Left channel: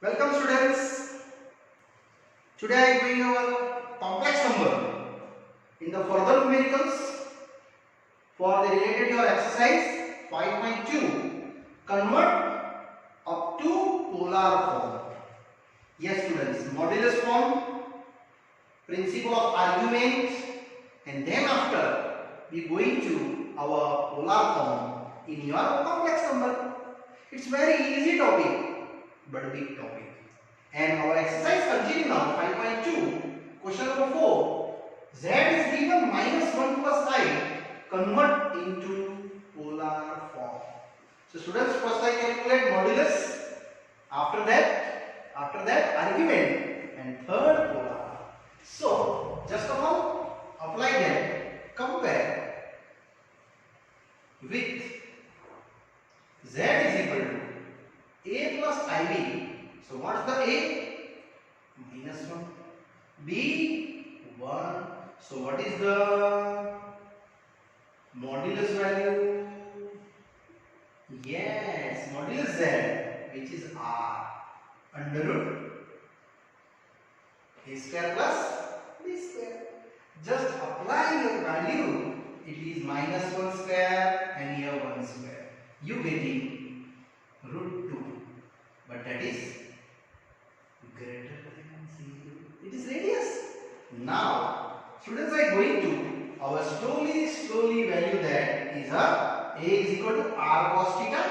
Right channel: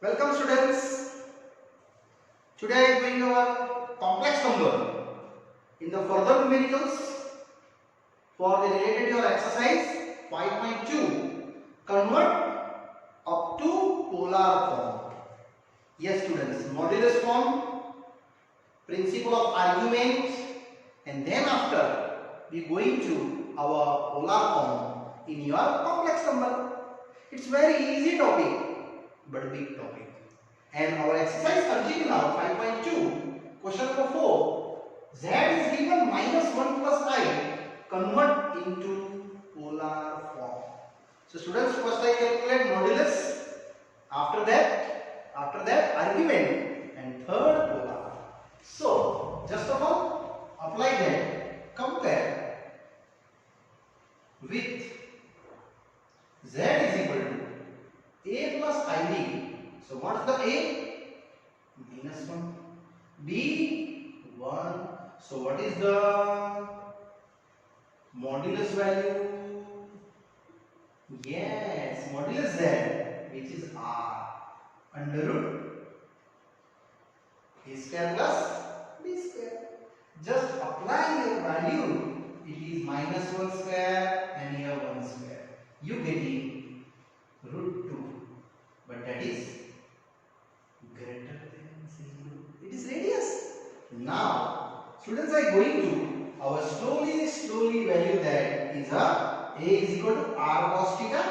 Welcome students. Today I am doing our complex number in the further numericals for the related to your exercise 5.2 convert up to polar form. Yes students, modulus form, principle of argument, and then after we going to our polar form in your complex number. It's very easy topic but big topic. And our exercise continue now. 5.2 question number 4. Z is given -1 plus I. Convert into polar form. So students, first I calculate modulus. After that argument, and third polar. So just of all apply that. Compare with Z is equal to A plus IB. So what's the A? -1. B 1. So what is the modulus value? Yes, modulus Z, which is R under root A square plus B square. Just apply your value. It is -1 square and here 1 square. You getting √2, but that is greater than 0. It is radius. Now students are going to our slowly value that is A is equal to R cos theta,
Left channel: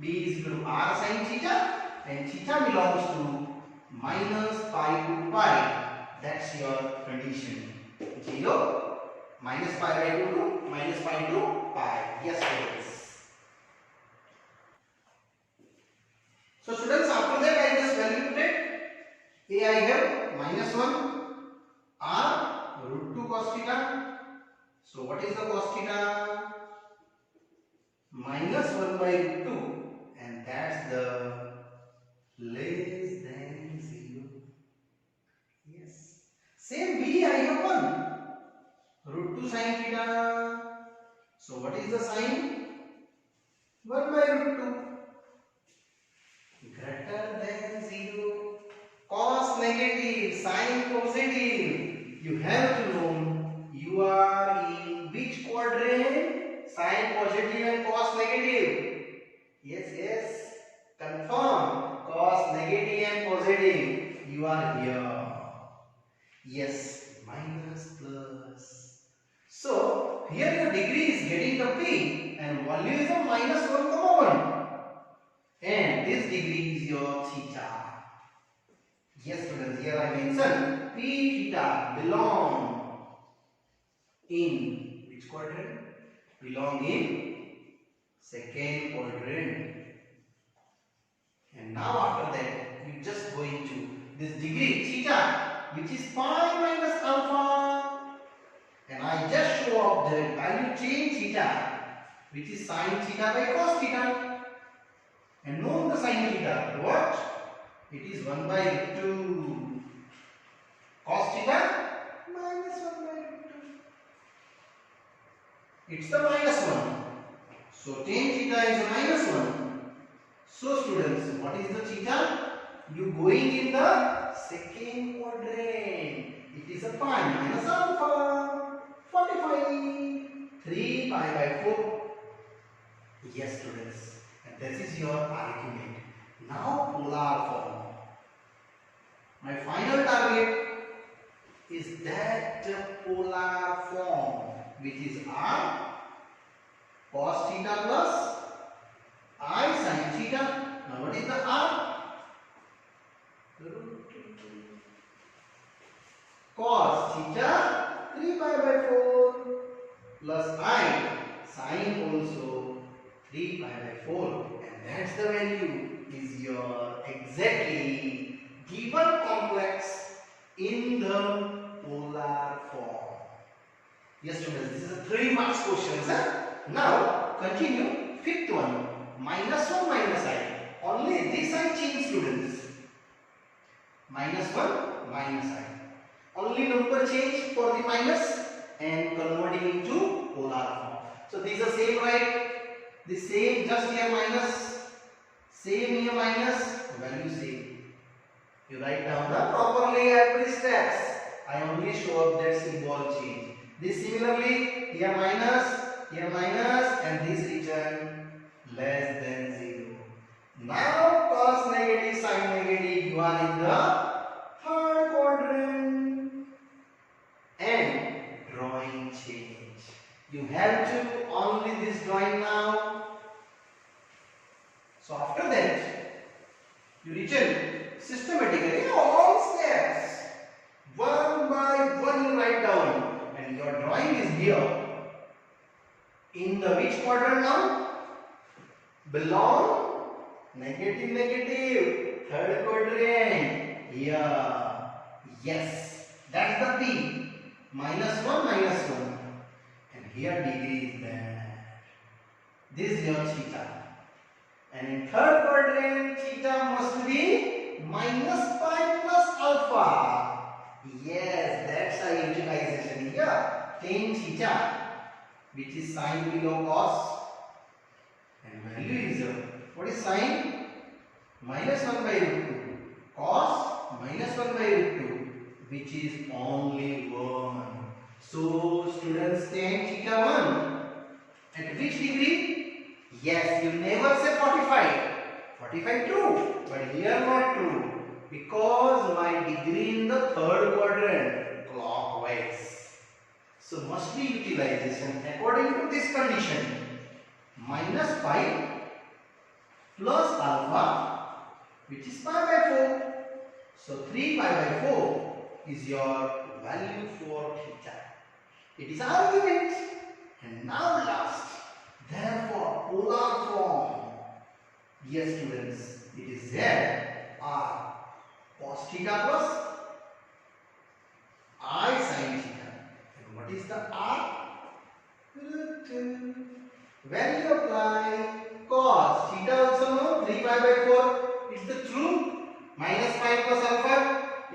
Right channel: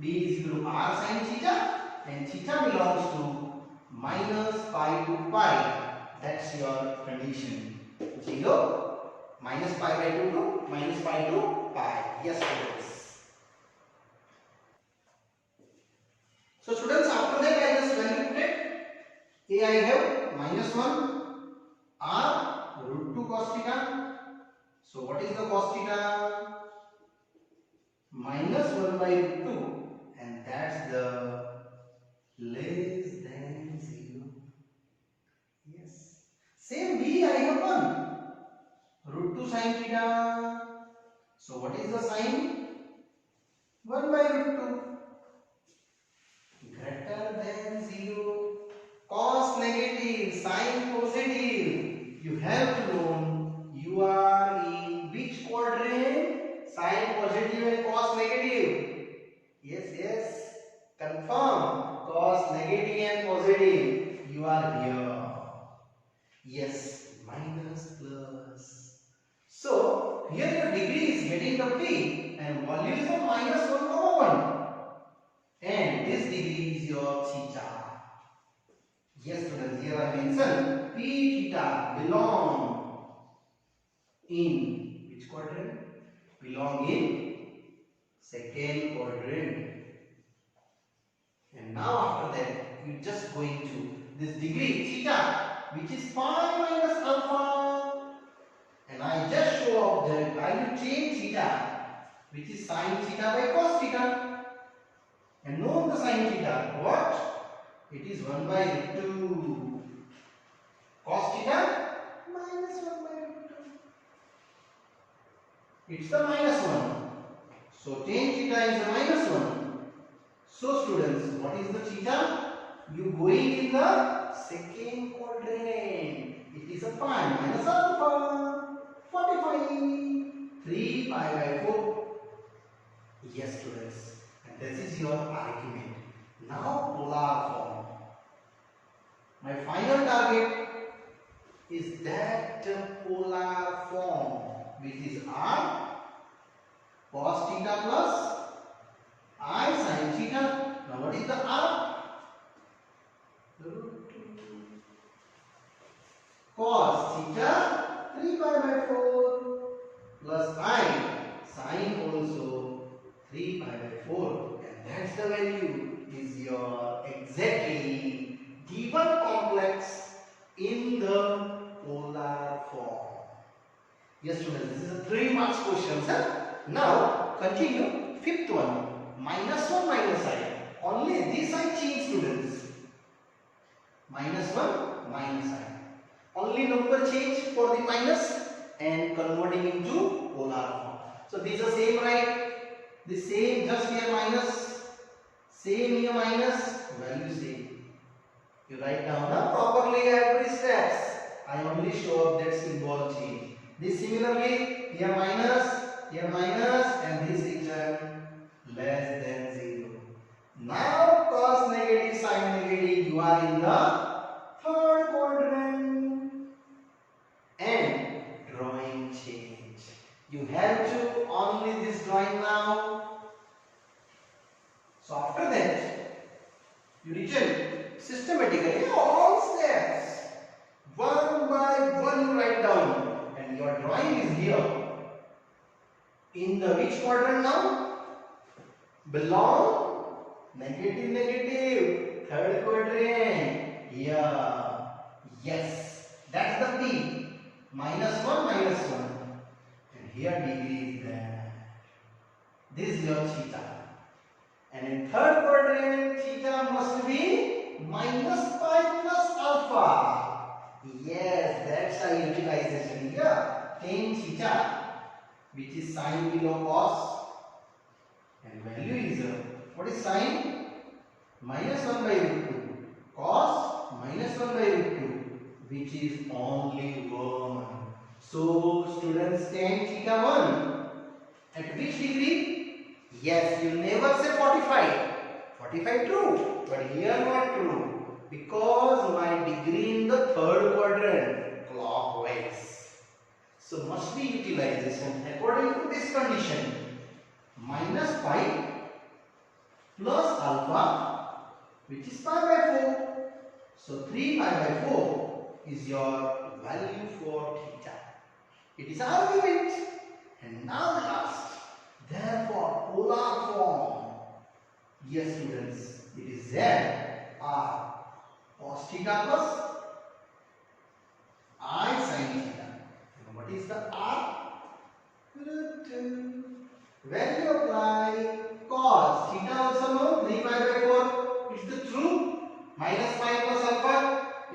B is equal to R sin theta, and theta belongs to -pi to pi. That's your condition. 0 -pi/2 to -pi to pi. Yes students. So students, after that I just valuated A. I have -1 R √2 cos theta. So what is the cos theta? -1/2, and that's the less than 0. Yes. Same B I have 1 √2 sin theta. So what is the sign? 1/√2. Greater than 0. Cos negative, sin positive. You have to know you are in which quadrant? Sin positive and cos negative. Yes. Confirm. Cos negative and positive. You are here. Yes, minus plus. So here your degree is getting the P and value is of -1,1. And this degree is your theta. Yes students, here I mentioned P theta belong in which quadrant? Belong in second quadrant. And now after that you just going to this degree theta, which is pi minus alpha. And I just show up that I will change theta, which is sin theta by cos theta. And know the sin theta. What? It is 1/2. Cos theta -1/2. It's the -1. So tan theta is a -1. So students, what is the theta? You going in the second quadrant. It is a pi minus alpha. 45. 3 pi/4. Yes students. This is your argument. Now polar form. My final target is that polar form, which is R cos theta plus I sin theta. Now what is the R? Cos theta 3 pi/4 plus I sin also 3 pi/4, and that's the value is your exactly given complex in the polar form. Yes students, this is a 3 marks question. Now continue fifth one, -1 minus I. Only this I change students. -1 minus I. Only number change for the minus and converting into polar form. So these are same, right? The same, just here minus, same here minus, value same. You write down the properly every steps. I only show up that symbol change. This similarly, here minus, and this return less than 0. Now cos negative, sin negative, you are in the third quadrant. And drawing change. You have to only this drawing now. So after that, you return systematically all steps. One by one you write down. And your drawing is here. In the which quadrant now? Belong negative, negative. Third quadrant. Here. Yes. That's the P. -1, -1. And here degree is there. This is your theta. And in third quadrant, theta must be -pi plus alpha. Yes, that's our utilization here. Tan theta, which is sine below cos. And value is, what is sine? -1/√2. Cos -1/√2, which is only 1. So, students, tan theta 1. At which degree? Yes, you never say 45. 45 true, but here not true. Because my degree in the third quadrant, clockwise. So, must be utilization according to this condition. -pi plus alpha, which is pi by 4. So 3 pi by 4 is your value for theta. It is argument. And now last. Therefore, polar form. Yes, students, it is Z R cos theta plus I sin theta. And what is the R? When you apply cos theta also know 3 pi by 4. It's the true. -pi plus alpha.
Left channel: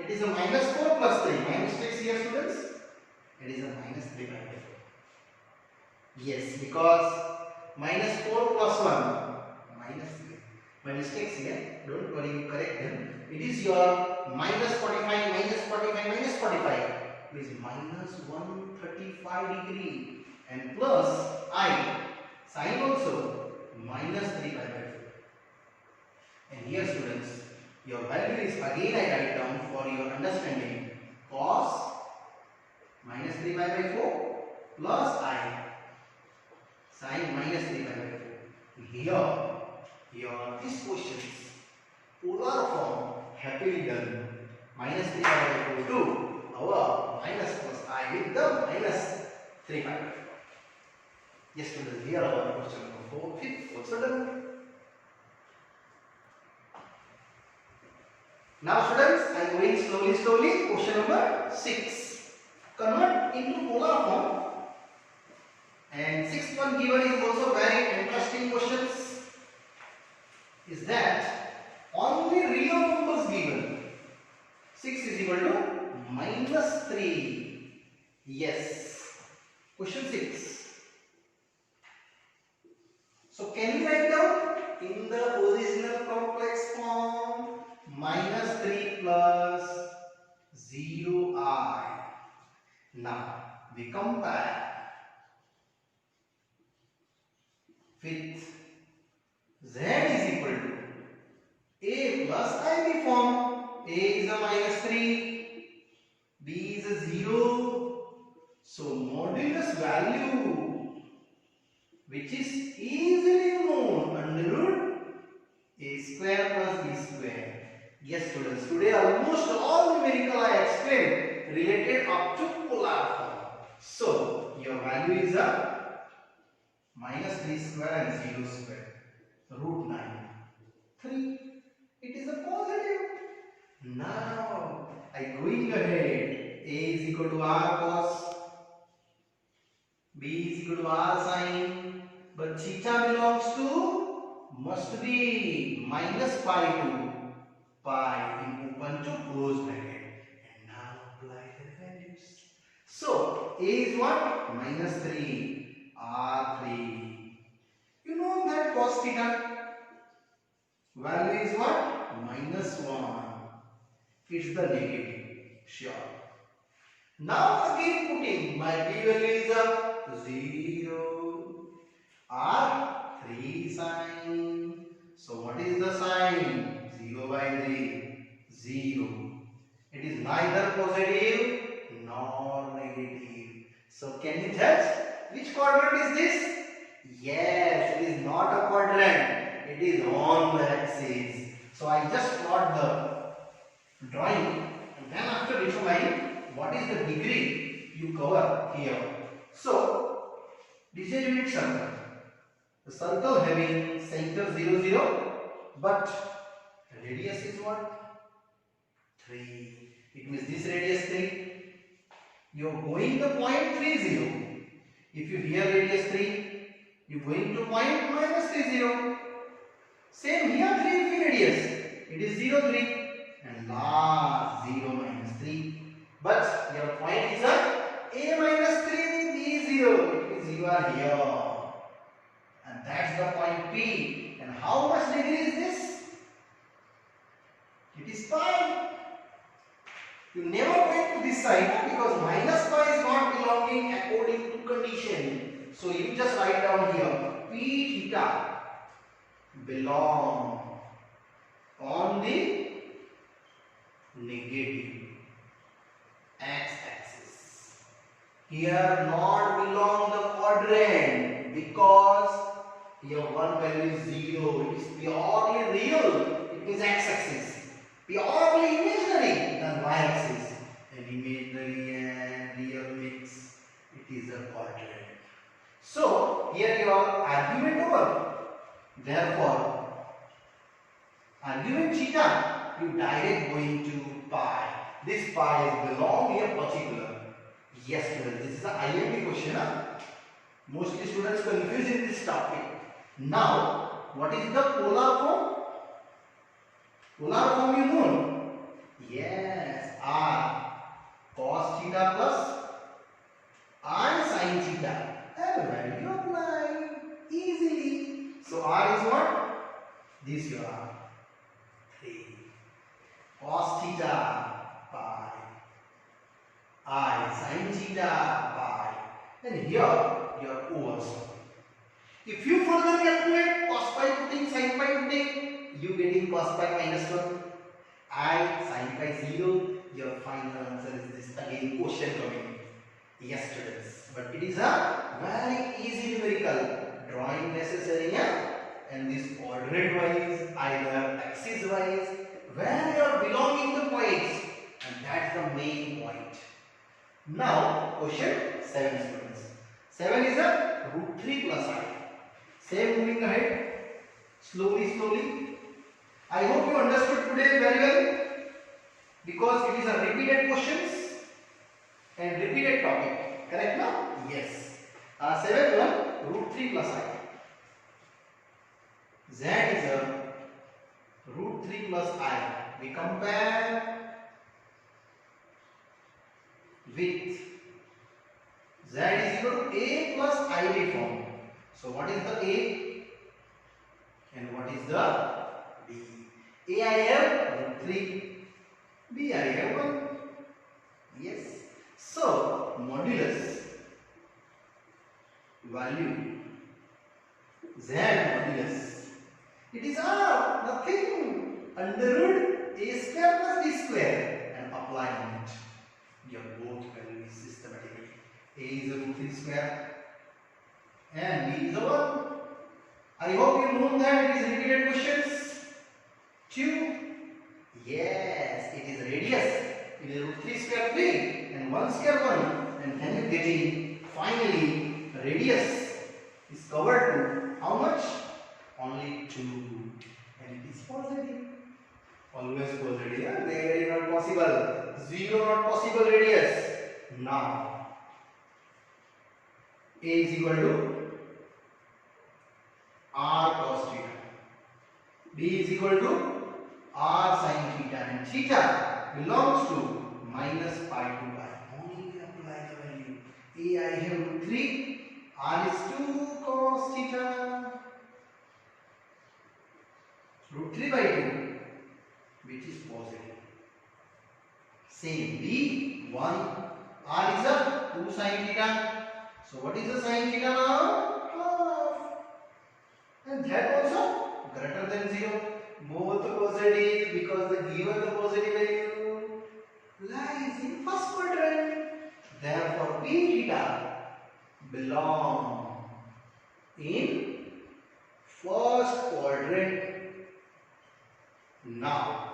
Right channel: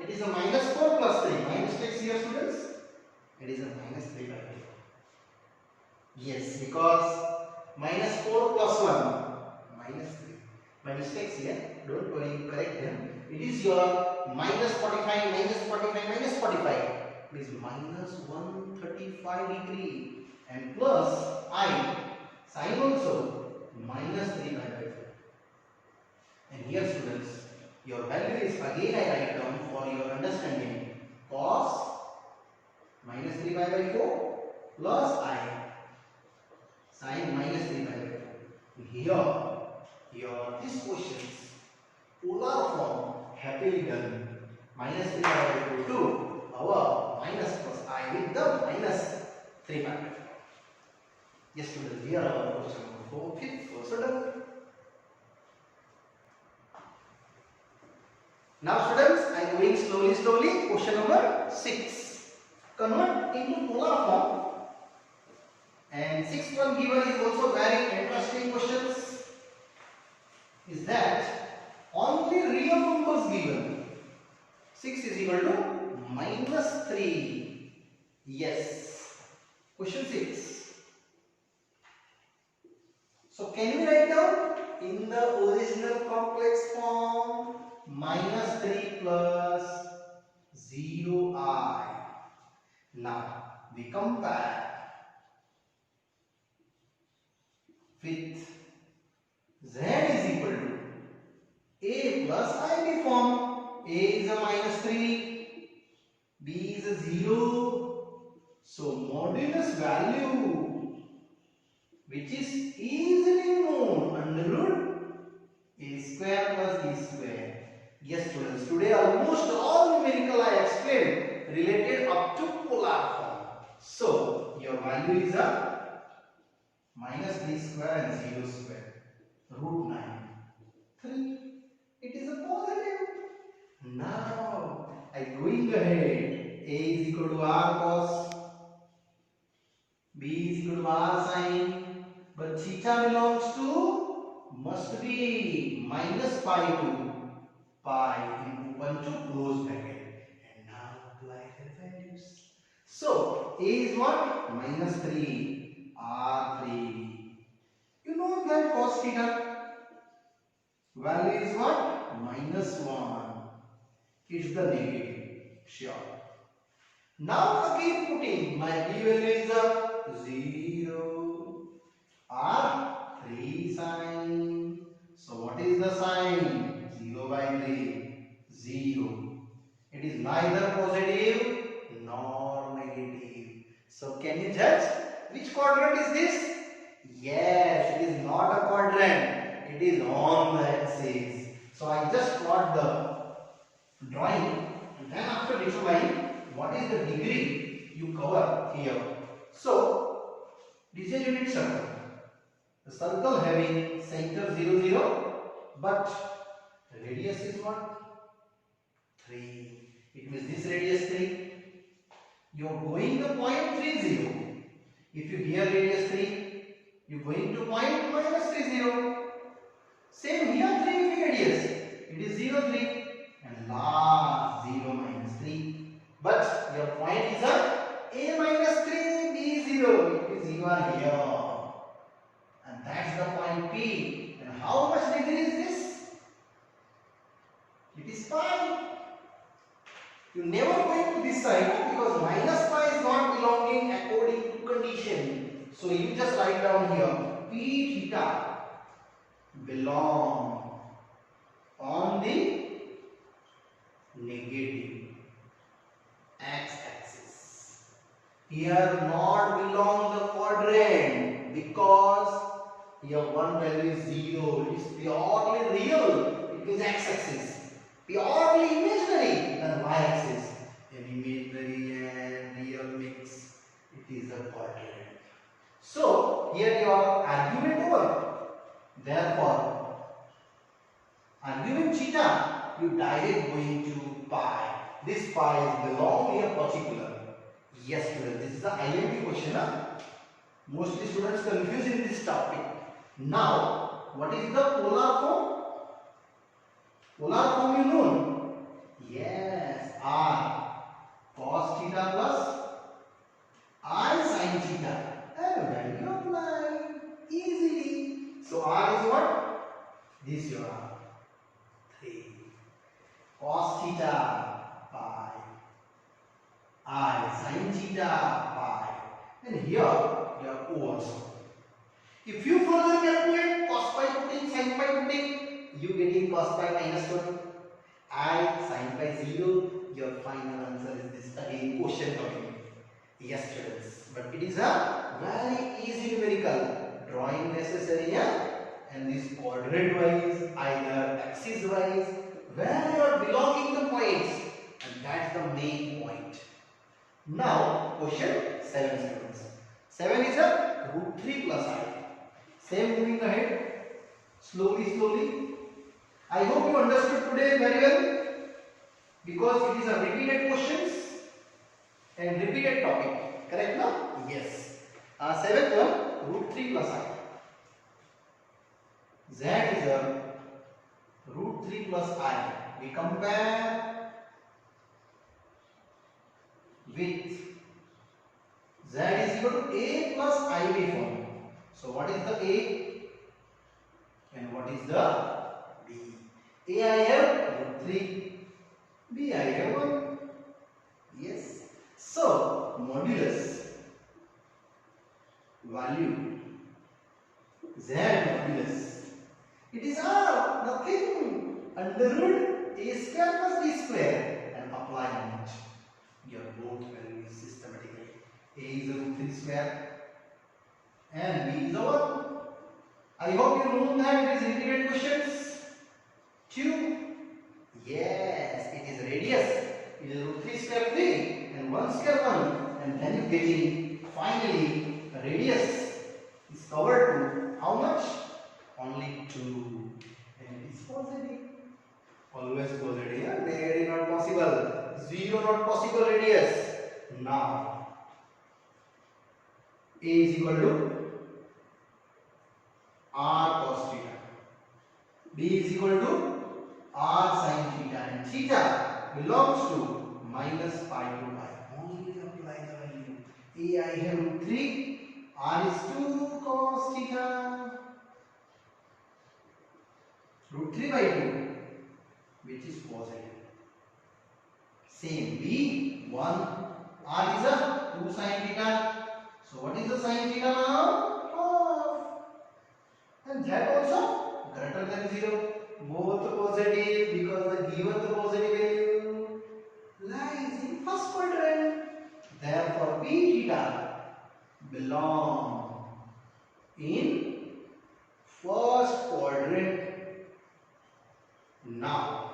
It is a -4 plus 3. Minus takes here, students. It is a -3 by 4. Yes, because -4 plus 1. -3. My mistakes here. Don't worry, you correct them. It is your -45, -45. Means -135 degree. And plus I. Sin also -3 by 4. And here, students, your value is again I write down for your understanding. Cos -3 by 4 plus I sin -3 by 4. Here these questions polar form happily done. -3 by 4 to our minus plus I with the -3 by 4. Yes, students, here our question number 4, 5 also done. Now, students, I am going slowly. Question number 6. Convert into polar form. And sixth one given is also very interesting questions. Is that only real numbers given. 6 is equal to -3. Yes. Question 6. So can we write down in the original complex form -3 plus 0i. Now we compare with z is equal to a plus ib form. A is a -3, b is a 0. So modulus value, which is easily known under root a square plus b square. Yes, students, today almost all numerical I explained related up to polar form. So your value is a -3 square and 0 square, root 9. 3. It is a positive. Now I going ahead. A is equal to r cos, b is equal to r sin, but theta belongs to must be -pi to pi in open to close bracket. And now apply the values. So a is what? -3, r3. You know that cos theta value is what? -1. It's the negative. Sure. Now again putting my b value is up 0 or 3 sign. So what is the sign? 0 by 3. 0. It is neither positive nor negative. So can you judge which quadrant is this? Yes, it is not a quadrant. It is on the axis. So I just plot the drawing and then after determining what is the degree you cover here. So this is a unit circle. The circle having center 0, 0, but radius is what? 3. It means this radius 3. You are going to point 3, 0. If you here radius 3, you are going to point minus 3, 0. Same here 3 radius. It is 0, 3. And last 0 minus 3. But your point is a minus 3, b 0. It means you are here. And that's the point P. And how much degree is this? It is pi. You never going to this side because minus pi is not belonging according to condition. So you just write down here P theta belong on the negative x-axis. Here not belong the quadrant because here one value is 0. It is purely real. It is x-axis. Purely imaginary than y-axis. An imaginary and real mix. It is a quadrant. So here your argument over. Therefore, argument theta you direct going to pi. This pi is belong here particular. Yes, students. This is an IMP question. Huh? Mostly students confused in this topic. Now, what is the polar form? Polar form you know? Yes, R cos theta plus I sin theta. And where you apply easily. So R is what? This you are 3 cos theta pi I sin theta pi, and here your O also. If you further calculate cos pi putting sin pi putting, you getting cos pi minus 1, I sin pi 0. Your final answer is this. Again question coming. Yes, students, but it is a very easy numerical. Drawing necessary, yeah? And this coordinate wise, either axis wise, where you are belonging the points, and that's the main point. Now, question 7, students. 7 is a root 3 plus I. Same moving ahead, slowly. I hope you understood today very well, because it is a repeated questions and repeated topic. Correct now? Yes. 7th one, root 3 plus I. Z is a root 3 plus I. We compare with Z is equal to A plus I form. So what is the A and what is the B? A I have root 3, B I have 1. Yes. So modulus value Z modulus, it is R, nothing, under root A square plus B square, and apply on it. Your both values systematically. A is a root 3 square and B is a 1. I hope you know that it is repeated questions. 2. Yes, it is radius. It is root 3 square 3 and 1 square 1, and then you getting finally radius is covered to how much? Only 2, and it is positive. Always positive. Yeah? There is not possible. 0 not possible radius. Now A is equal to R cos theta. B is equal to R sin theta, and theta belongs to minus pi to pi. Only apply the value. A I have root 3, R is 2 cos theta. Root 3 by 2. which is positive. Same B 1 R is a 2 sin theta. So what is the sin theta now? Half. And that also greater than 0. Both positive because the given the positive value lies in first quadrant. Therefore P theta belong in first quadrant. Now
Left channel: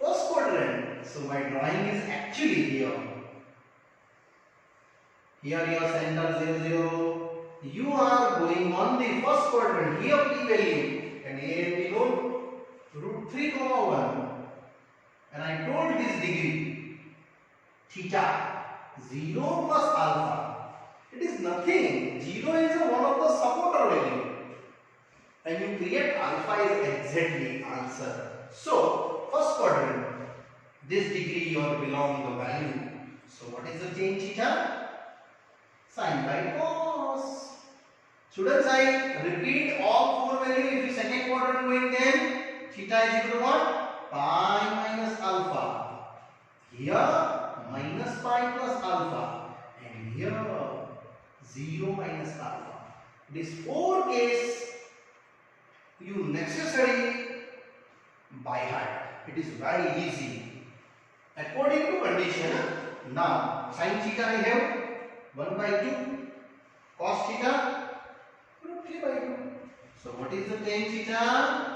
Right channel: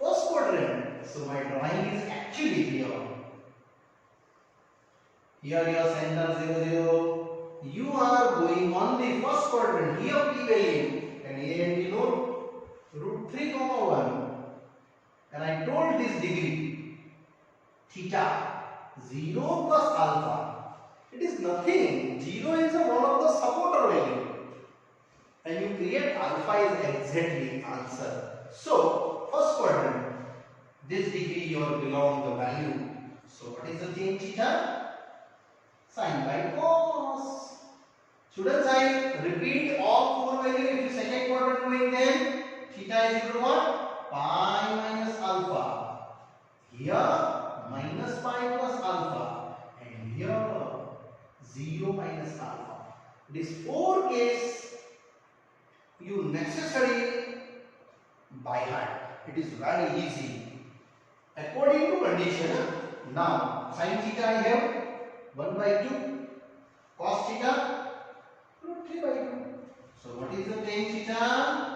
first quadrant, so my drawing is actually here. Here your center 0 0. You are going on the first quadrant. Here P value and A and B known root 3 comma 1. And I told this degree theta 0 plus alpha. It is nothing. 0 is one of the supporter value. And you create alpha is exactly answer. So first quadrant, this degree you are belong the value. So what is the change theta? Sin by cos. Students, I repeat all four values. If you second quadrant going, then theta is equal to what? Pi minus alpha. Here minus pi plus alpha, and here 0 minus alpha. This 4 case you necessarily by heart. It is very easy according to condition. Now sin theta I have 1 by 2, cos theta root 3 by 2. So what is the tan theta?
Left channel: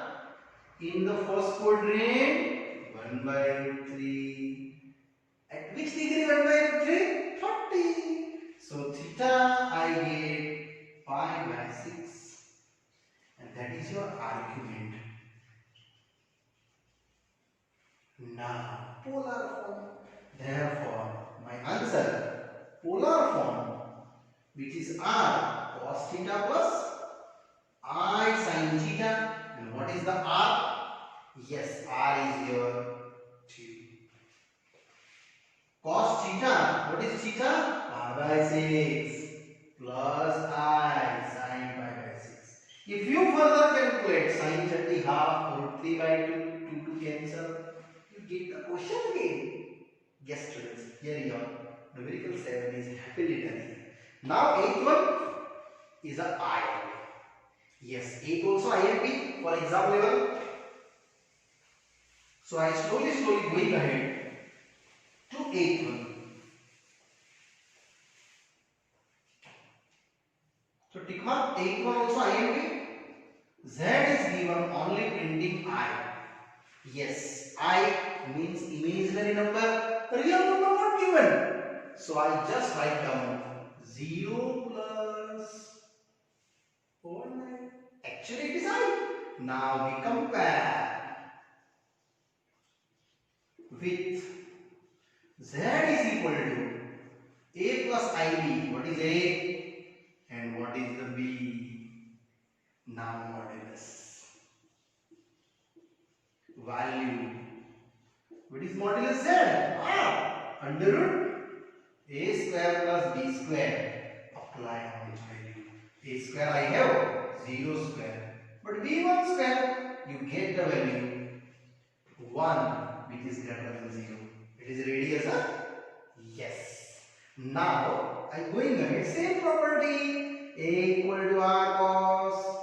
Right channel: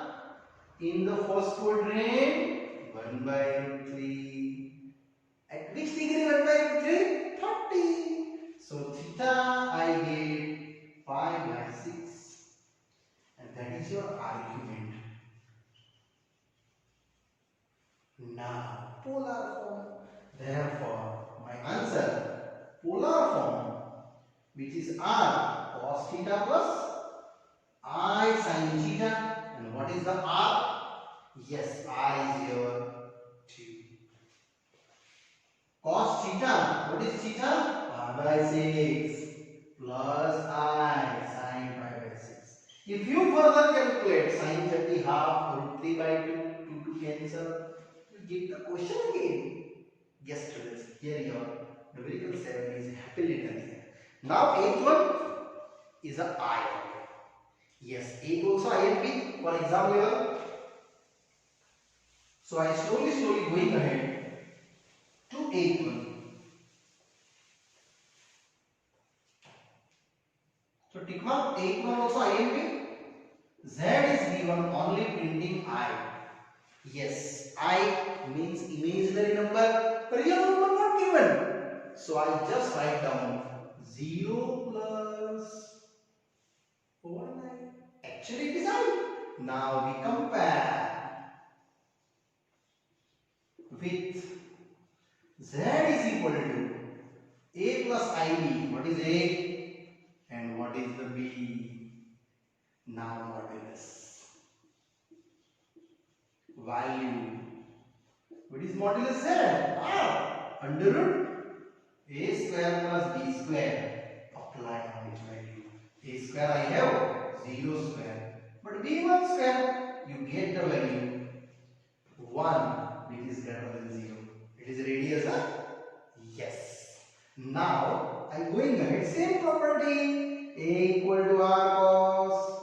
In the first quadrant 1 by root 3. At which degree 1 by root 3? 30. So theta I get pi by 6. And that is your argument. Now polar form. Therefore my answer polar form, which is r cos theta plus I sin theta. And what is the r? Yes, r is your 2. Cos theta, what is theta? Pi by 6 plus I sin pi by 6. If you further calculate sin 30 half root 3 by 2 to cancel, you get the question again. Yes, students, here you are. Numerical 7 is happily done. Now 8th one is a I. Yes, 8 also I and B for exam level. So I slowly going ahead to 8th one. So tick mark 8th one also I and B. Z is given only printing I. Yes, I means imaginary number, real number not given. So I just write down 0 plus 49. Actually it is I. Now we compare with Z is equal to A plus IB. What is A and what is the B? Now modulus. Value. What is modulus Z? Under root A square plus B square. Apply on which value? A square I have 0 square. But B1 square, you get the value 1, which is greater than 0. It is radius, huh? Yes. Now I am going ahead. Same property. A equal to R cos,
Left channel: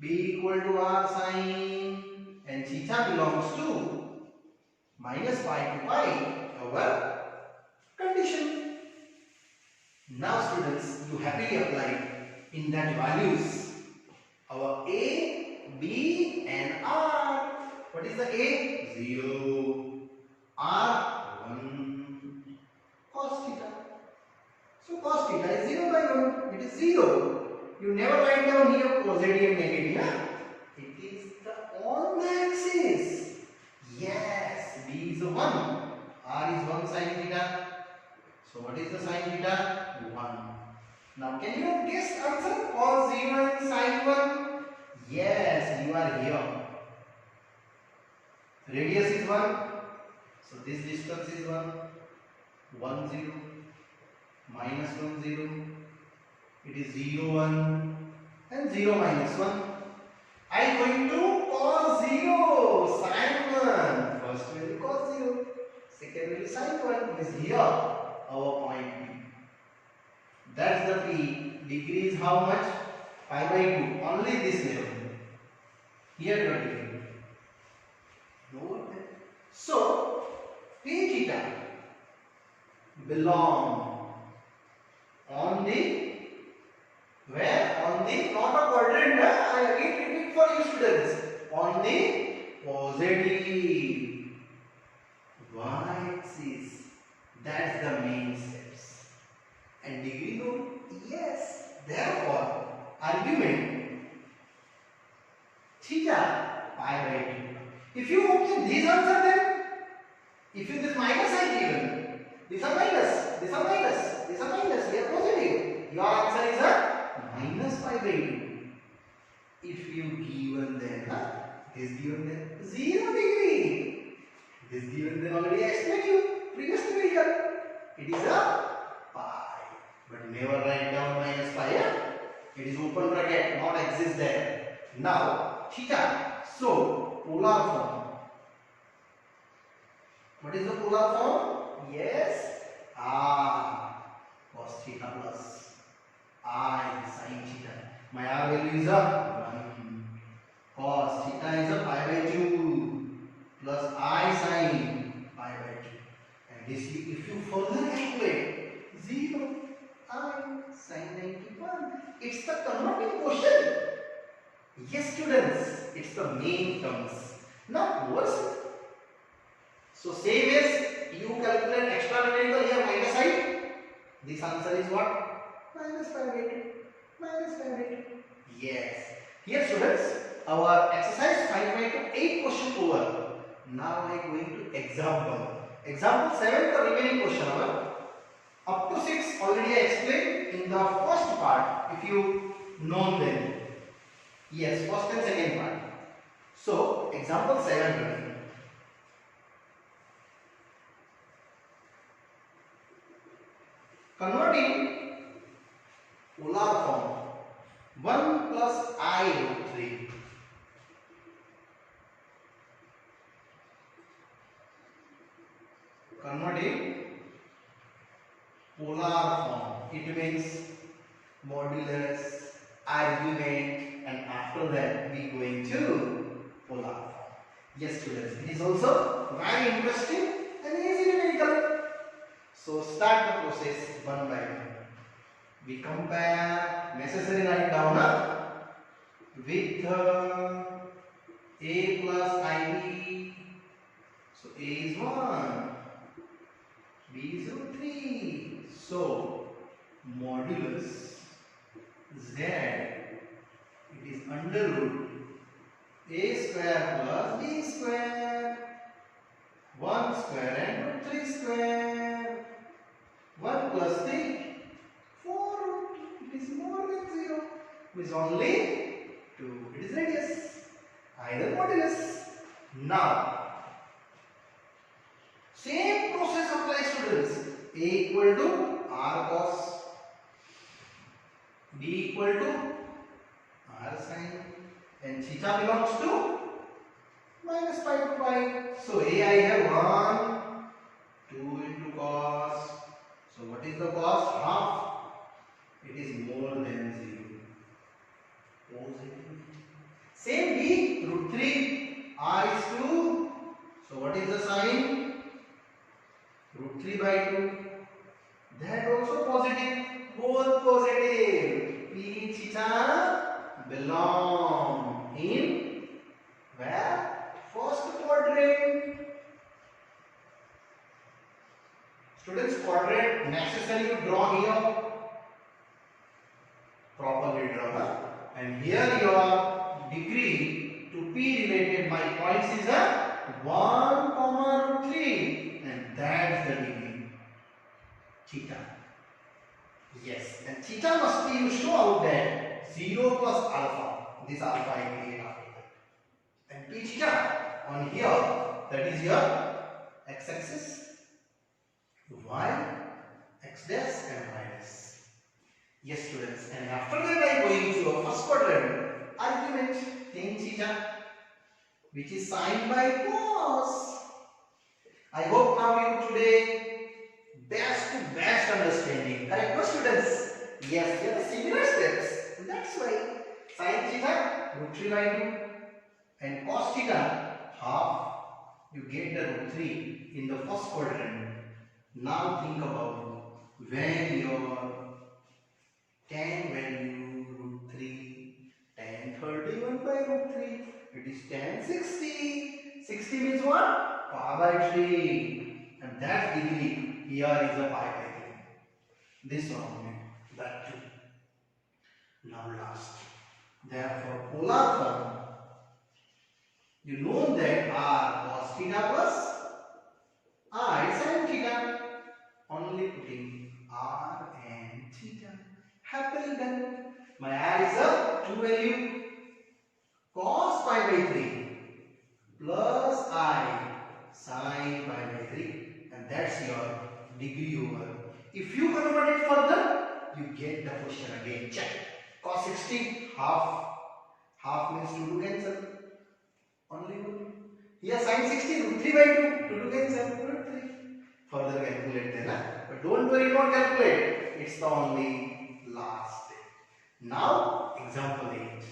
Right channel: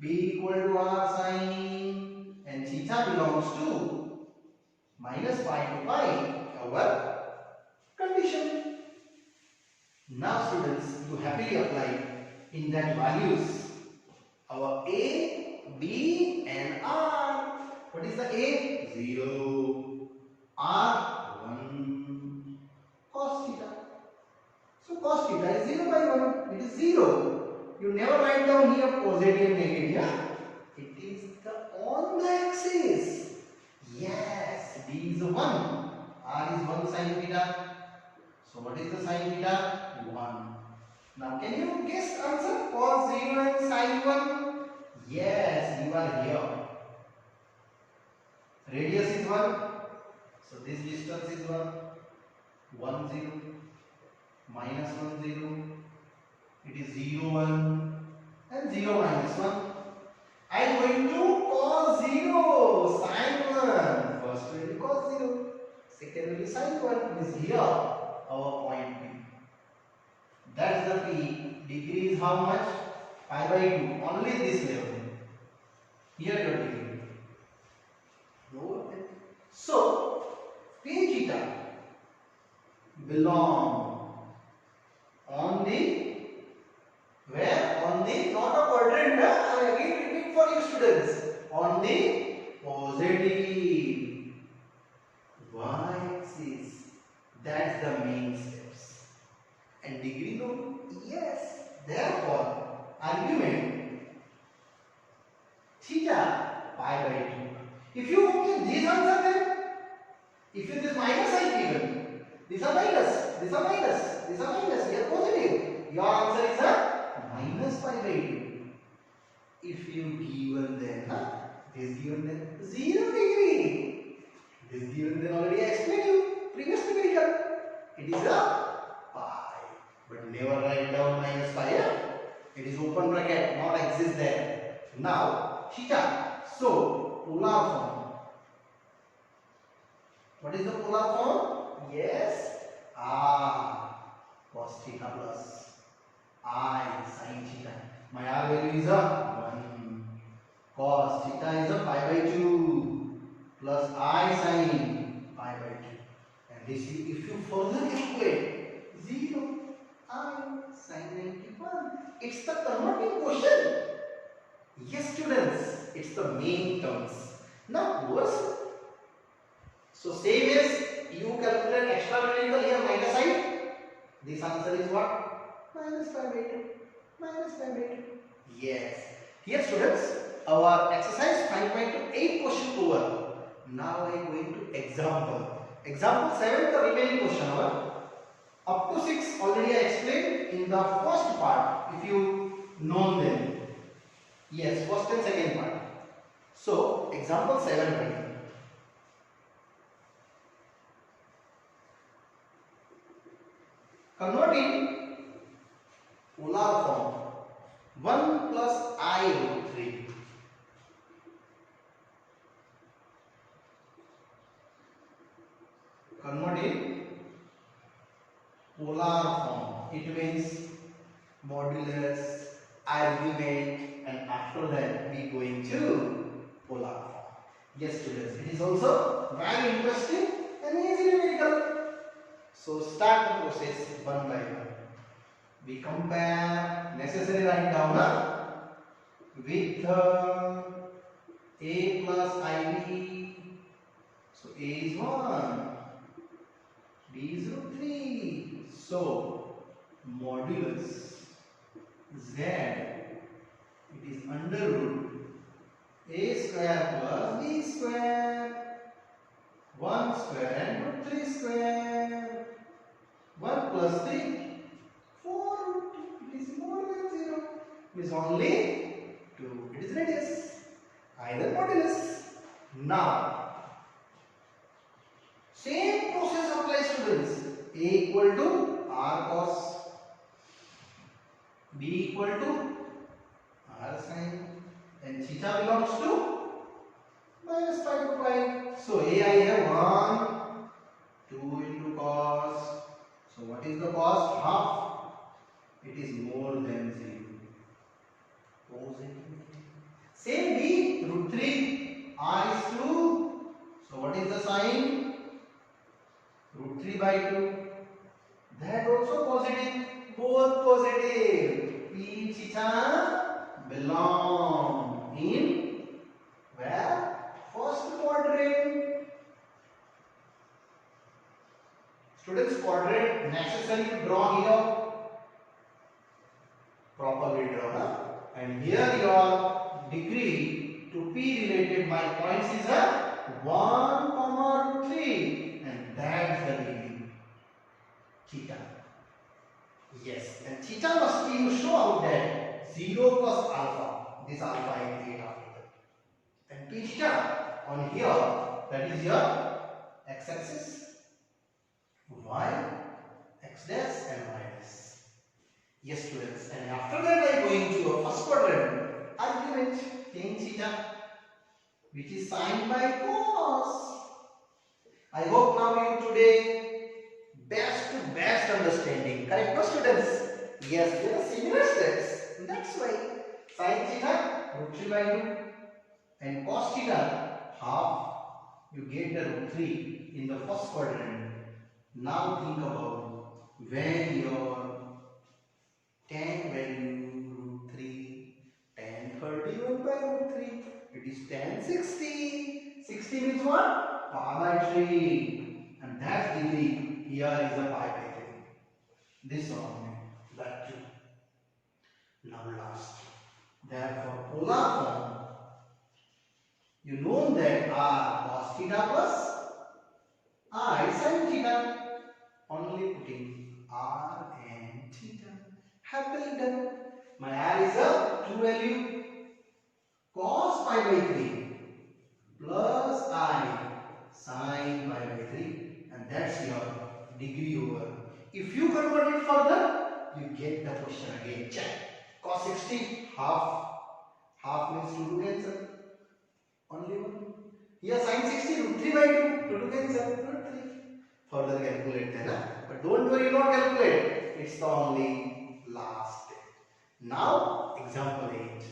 B equal to R sin, and theta belongs to minus pi to pi. Our condition. Now students, you happily apply in that values our A, B and R. What is the A? 0. R 1. Cos theta. So cos theta is 0 by 1. It is 0. You never write down here positive negative. Yeah? It is the on the axis. Yes. B is 1. R is 1 sin theta. So what is the sin theta? 1. Now can you guess answer? Cos 0 and sin 1? Yes, you are here. Radius is 1. So this distance is 1. 1 0. Minus 1 0. It is 0 1 and 0 minus 1. I am going to cos 0 sin 1. is sine 1 is here our point P. That's the P. Degree is how much? Pi by 2. Only this level. Here your degree. So P theta belong on the where? On the not a quadrant. I again repeat for you students. On the positive y-axis. That's the main steps. And degree known? Yes. Therefore, argument theta pi by 2. If you obtain these answer, then if you this minus sign given, these are minus, these are minus, these are minus, they are positive. Your answer is a minus pi by 2. If you given then, this given then 0 degree. This given then already I explained you previous numerical. It is a pi, but never write down minus pi. It is open bracket, not exist there. Now theta. So polar form. What is the polar form? Yes, r cos theta plus I sin theta. My r value is a 1. Cos theta is a pi by 2 plus I sin pi by 2. And this if you further calculate 0 I sin 91. It's the converting question. Yes students, it's the main terms. Now worse. So same as you calculate extra numerical here minus side. This answer is what? Minus pi by 2. Minus pi by 2. Yes. Here students, our exercise 5.8 question over. Now I am going to example. Example 7 the remaining question. Up to 6 already I explained in the first part. If you know them. Yes, first and second part. So example 7. Converting polar form 1 plus I root 3. Converting polar form. It means modulus, argument, and after that we going to polar form. Yes students, it is also very interesting and easy numerical. So start the process one by one. We compare necessary write down with a plus ib. So a is 1, b is root 3. So modulus z, it is under root a square plus b square, 1 square and root 3 square. 1 plus 3, 4 root 2. It is more than 0. It is only 2. It is radius. Either modulus. Now, same process applies students. A equal to r cos, b equal to r sin, and theta belongs to minus pi to pi. So a I have 1, 2 into cos. So what is the cos? Half. It is more than 0. Positive. Same b, root 3. R is 2. So what is the sign? Root 3 by 2. That also positive. Both positive. P theta belong in where? First quadrant. Students, quadrant necessary to draw here. Properly draw. And here your degree to P related my points is a 1 comma root 3. And that's the degree. Theta. Yes. And theta must be you show out that 0 plus alpha. This alpha I create after that. And P theta on here, that is your x-axis, y, x dash and y dash. Yes students, and after that I am going to a first quadrant, argument tan theta, which is sine by cos. I hope now you today best to best understanding. Correct, no students? Yes, there are similar steps. That's why sin theta root 3 by 2 and cos theta half. You get the root 3 in the first quadrant. Now think about when your tan value root 3, tan 31 by root 3. It is tan 60. 60 means what? Pi by 3. And that degree here is a pi by 3. This one only. That too. Now last. Therefore, polar form. You know that r cos theta plus I sin theta. Only putting r and theta. Happily done. My r is a true value. Cos pi by 3 plus I sin pi by 3. And that's your degree over. If you convert it further, you get the question again. Check. Cos 60 half. Half means 2 to cancel. Only one. Here sin 60 root 3 by 2. 2 to cancel. Root 3. Further calculate then. But don't worry, don't calculate. It's the only last step. Now example 8.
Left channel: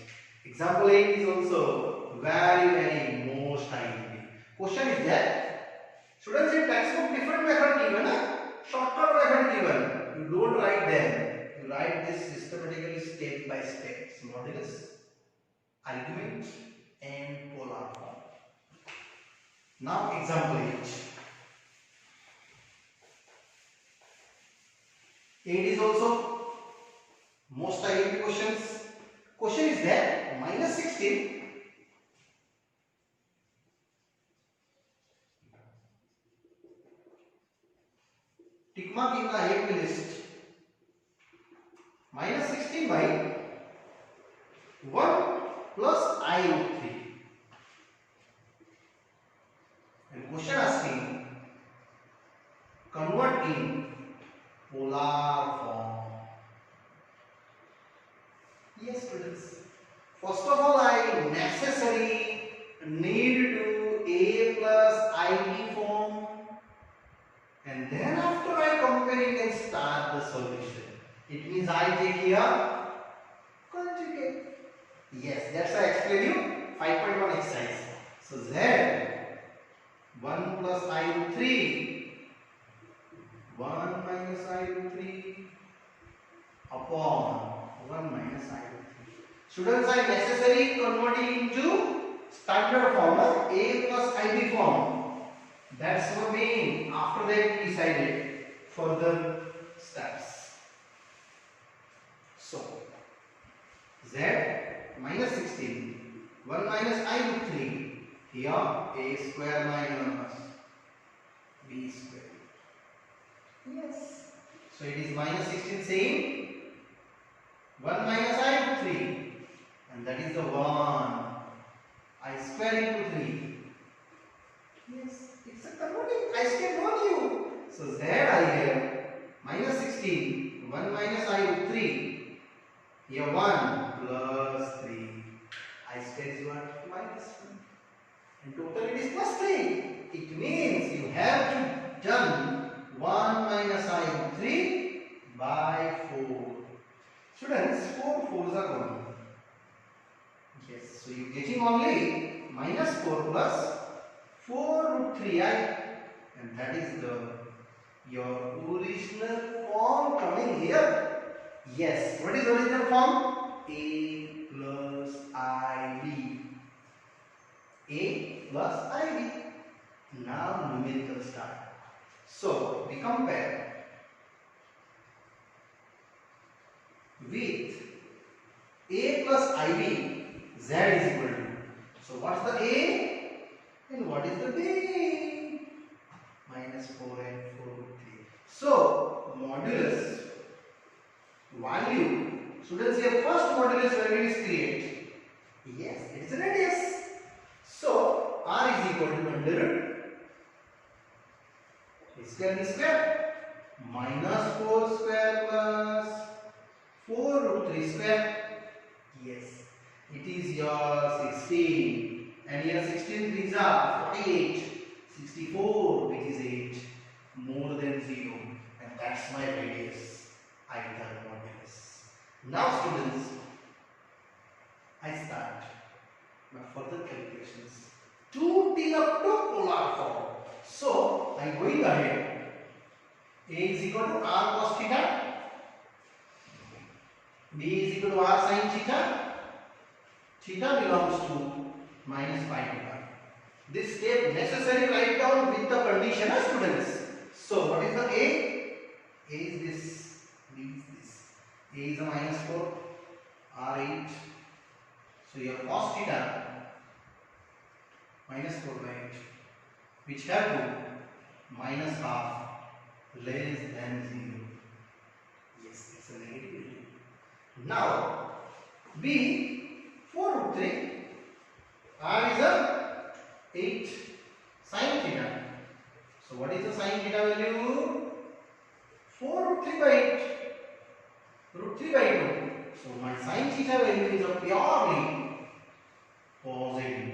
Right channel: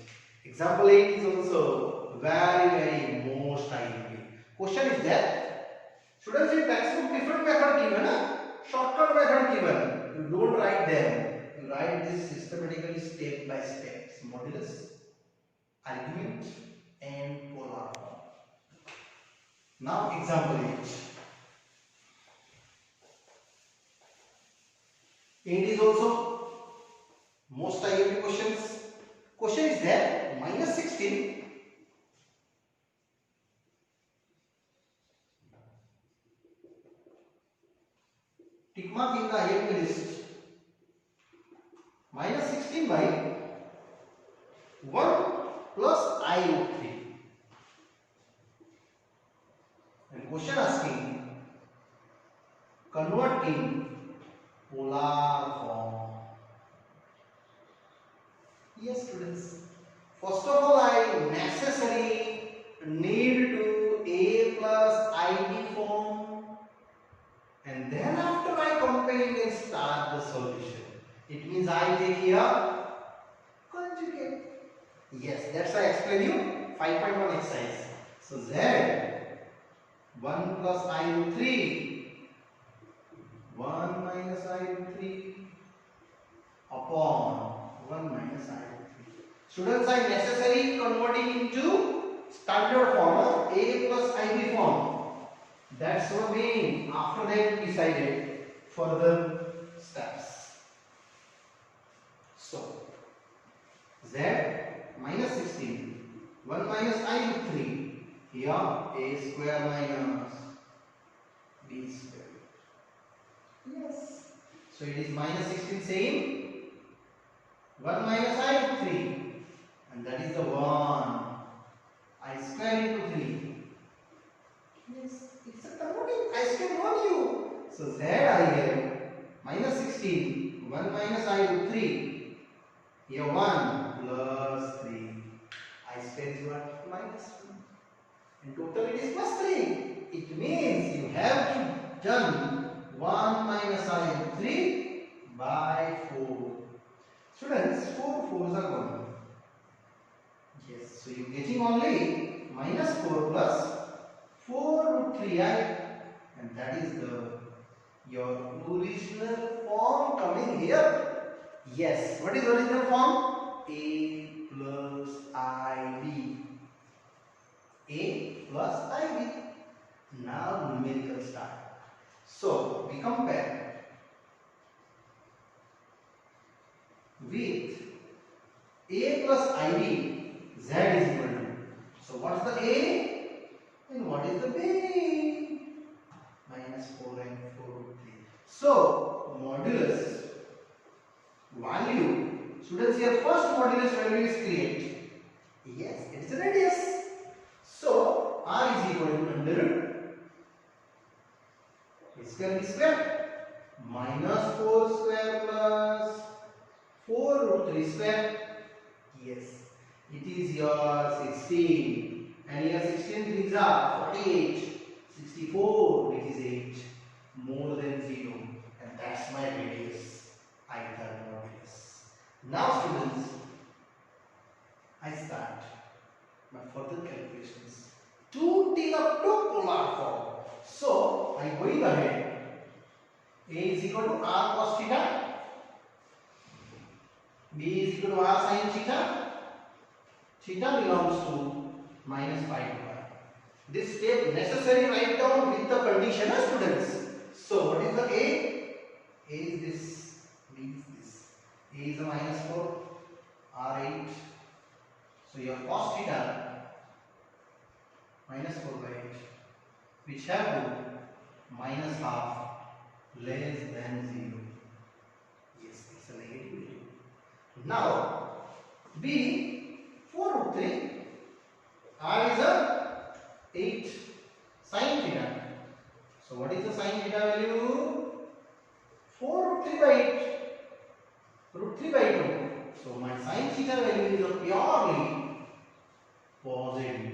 Example 8 is also very most IMP. Question is that students in textbook different method given, shortcut method given. You don't write them. You write this systematically step by step. Modulus, argument and polar form. Now example 8. 8 is also most IMP questions. Question is that minus 16 tick mark in the IMP list. Minus 16 by 1 plus I root 3. And question asking convert in polar form. Yes, students. First of all, I necessarily need to A plus IB form, and then after I comparing and start the solution. It means I take here conjugate. Yes, that's why I explain you 5.1 exercise. So Z 1 plus I root 3 1 minus I root 3 upon 1 minus I root 3. Students, I necessarily converting into standard form, A plus IB form. That's what mean. After that we decided further steps. So Z minus 16 1 minus I root 3. Here A square minus B square. Yes. So it is minus 16 same 1 minus I root 3, and that is the 1 I square into 3. Yes, it's a converting I square value. So Z I have minus 16 1 minus I root 3. Here 1 plus 3. I square is what? Minus 1. And total it is plus 3. It means you have to done 1 minus I root 3 by 4. Students, 4 4s are gone. Yes, so you are getting only minus 4 plus 4 root 3I, and that is your original form coming here. Yes, what is original form? A plus IB. A plus IB. Now numerical start. So we compare with A plus IB. Z is equal to. So what's the A and what is the B? Minus 4 and 4 root 3. So modulus value. Students, here first modulus value is create. Yes, it is a radius. So R is equal to under root A square B square minus 4 square plus 4 root 3 square. Yes, it is your 16, and here 16 3s are 48, 64, which is 8 more than 0, and that's my radius, either modulus. Now students, I start my further calculations to till up to polar form. So I going ahead. A is equal to r cos theta, b is equal to r sin theta. Theta belongs to minus pi to pi. This step necessary write down with the condition of students. So what is the A? A is this, B is this. A is the minus 4, R 8. So your cos theta minus 4 by 8, which have to minus half less than 0. Yes, it's a negative. Now B 4 root 3. R is a 8 sin theta. So what is the sin theta value? 4 root 3 by 8. Root 3 by 2. So my sin theta value is a purely positive.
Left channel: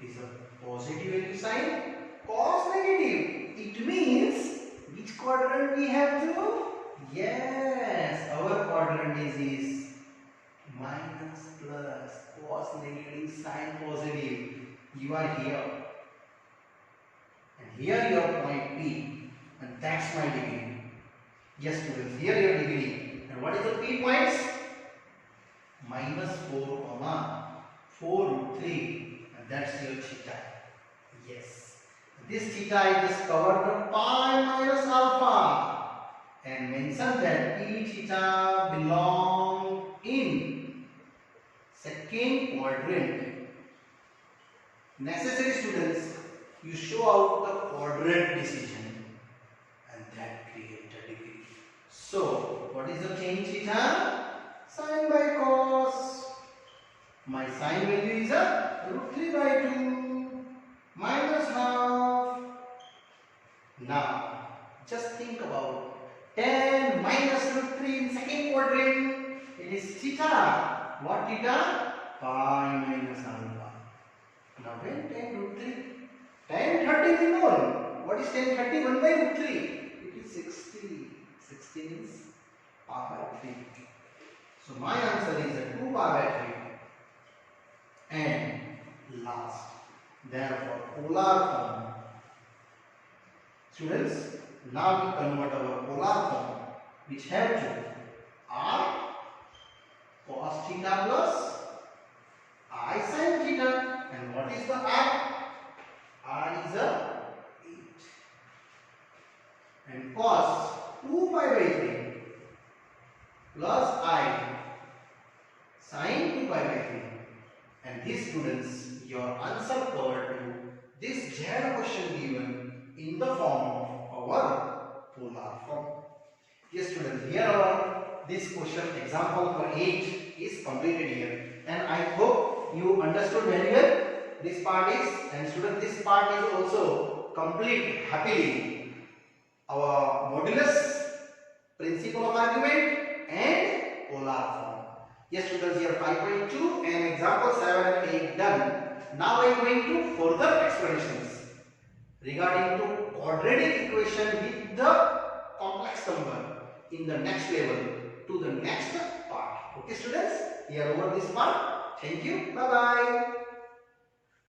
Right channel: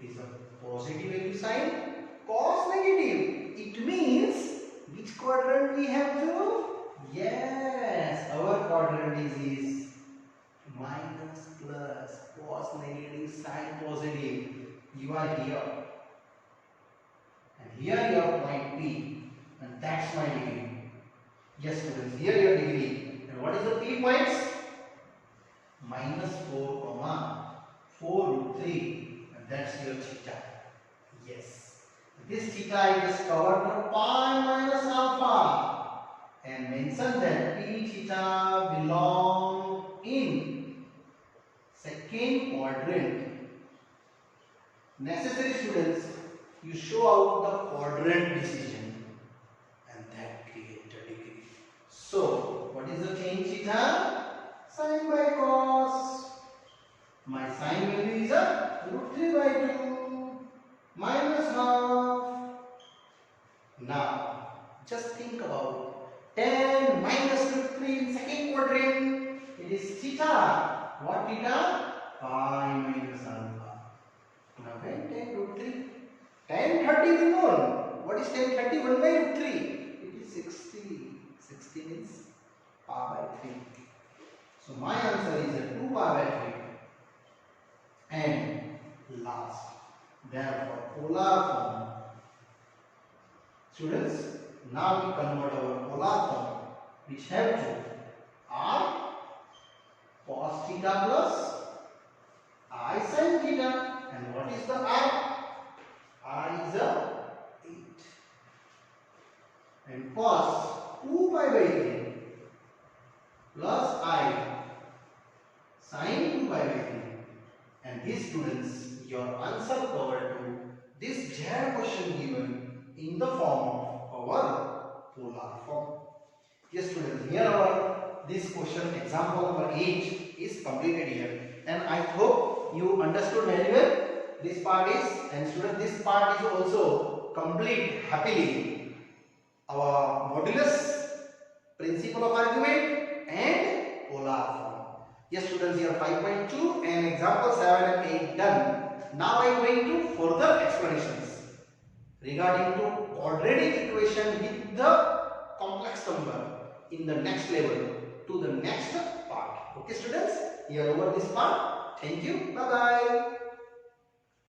It is a positive value sign. Cos negative. It means which quadrant we have to? Yes, our quadrant is this. Minus plus cos negative sin positive. You are here, and here your point P, and that's my degree. Yes students, here your degree. And what is the P points? Minus 4 comma 4 root 3, and that's your theta. Yes, this theta I just covered the pi minus alpha and mentioned that P theta belong in second quadrant. Necessary students, you show out the quadrant decision, and that creates a degree. So what is the change theta? Sin by cos. My sin value is a root 3 by 2 minus half. Now just think about 10 minus root 3 in second quadrant. It is theta. What theta? Pi minus alpha. Now when 10 root 3? Tan 30 is known. What is tan 30? 1 by root 3. It is 60. 60 means pi by 3. So my answer is a 2 pi by 3. And last, therefore polar form. Students, now we convert our polar form, which have to r cos theta plus I sin theta. And what is the r? R is a 8. And cos 2 pi by 3 plus I sin 2 pi by 3. And these students, your answer covered to this Z question given in the form of our polar form. Yes students, here our this question example number 8 is completed here, and I hope you understood very well this part is, and students this part is also complete happily our modulus, principle of argument and polar form. Yes students, here 5.2 and example 7 and 8 done. Now I am going to further explanations regarding to quadratic equation with the complex number in the next level to the next part. Okay students, here over this part. Thank you. Bye bye.